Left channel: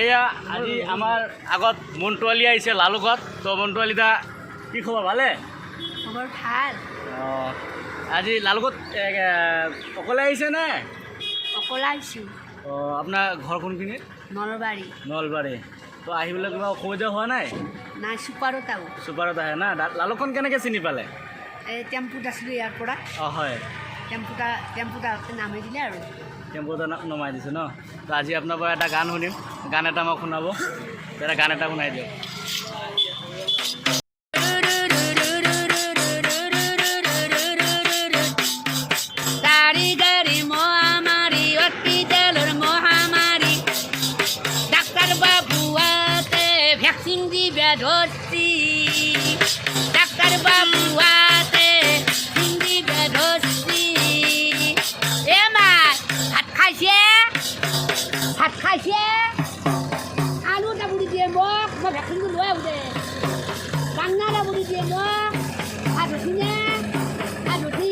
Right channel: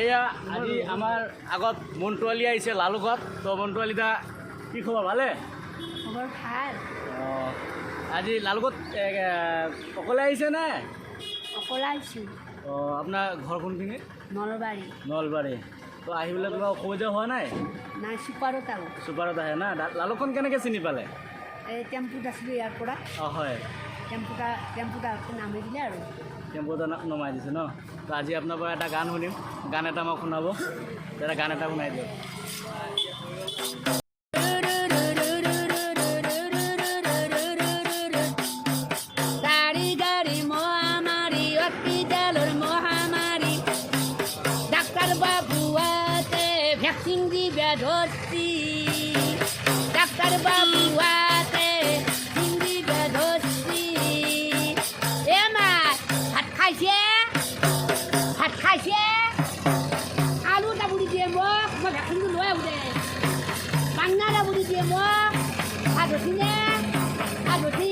এয়া আজি আমাৰ আগত মন্টু আলী আহিছে লালুকত। তো মন্টু আলী দা কি খবৰ, ভালে? খবৰ ভাল। অঁ, আজি লালুকত অকলে আহিছে নে? অকলে আহিছোঁ। অঁ, আপোনাৰ ঘৰ কোনখিনি? নলবাৰী। নলবাৰী। তো আহিবলৈ কিবা অসুবিধা হোৱা নাই? নাই, ছুপাৰত আহোঁ। ছুপাৰত আহে না? লালুকখন কেনেকৈ চিনি পালে? এই টেম্পুত আছিলোঁ ইয়াৰ পৰা। অঁ হয়, টেম্পুত নামি দিলে আৰু টেম্পুতে নমাই দিছে ন? তো আজি আপোনাৰ পৰা এটা গান শুনিম, গান এটা মোক শুনাব। এটা গান এটা শুনাই দিয়ক। ভ্যাকসিন দিবে ধরছি, ডাক্তার বাবুয়াতে দিবে ধরছি। এ মা ভাত খাইছে, ভাত খাইছে। আলুটা বুড়ি দিয়ে মোক, মই ভ্যাকসিনটো লৈ আহোঁ দে। বাংনাটা বুড়ি দিয়ে মোক, ভাত ধরছি নে? ভাত ধরছি।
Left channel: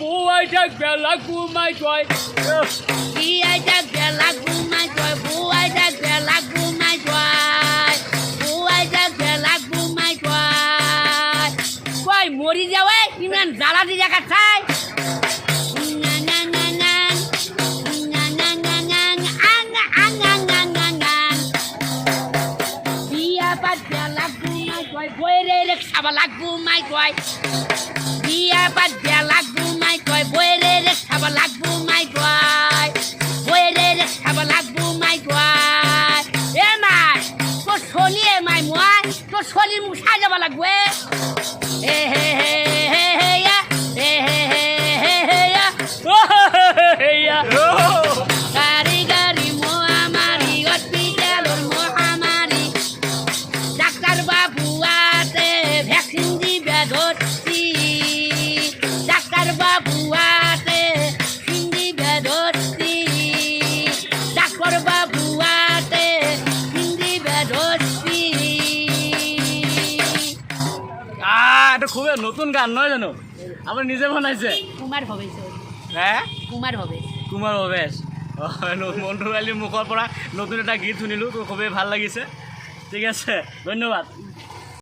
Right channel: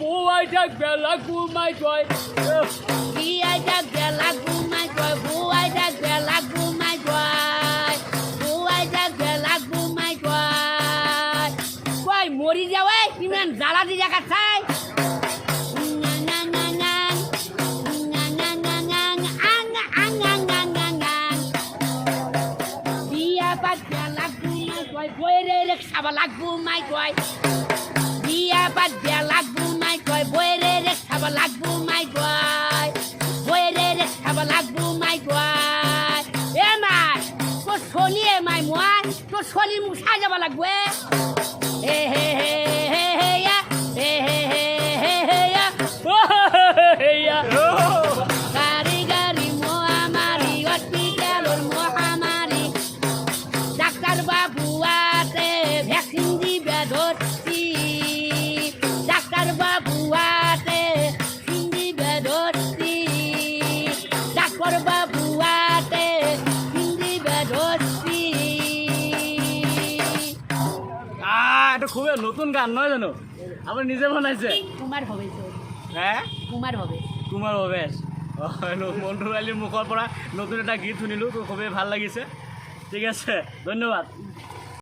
Boy, Jack Belagu, my joy. Jack Belagu, my joy. Boy, Jack Belagu, my joy. Boy, Jack Belagu, my joy. Boy, mori jawe, iman jala di jagat sai. Dia pat Belagu, my joy. Boy, rek sabalagu, my joy. Dia pat Belagu, my joy. Boy, rek sabalagu, my joy. Boy, rek sabalagu, my joy. Emai, to soli emai moi, to soli musa jaba lagwe. Hey hey hey hey hey ya, hey hey hey hey hey ya, Hey ya. gari gari mohamari, hospital mohamari. Doctor babu ate vaccine dibe dhorchi. Doctor babu ate vaccine dibe dhorchi. Doctor babu ate vaccine dibe dhorchi. এটা খুবই নতুন গান নয় জানো? আপনি নিজে বানাইছে? কুমাৰ ভৱেশ, হ্যাঁ, কুমাৰ ভৱেশ। কুমাৰ ভৱেশ। মন্টু আলীৰ মুখৰ পৰা নতুন এটা গীত শুনিলোঁ, তো খুবেই ভাল লাগিছে। ঠিক আছে, ধন্যবাদ।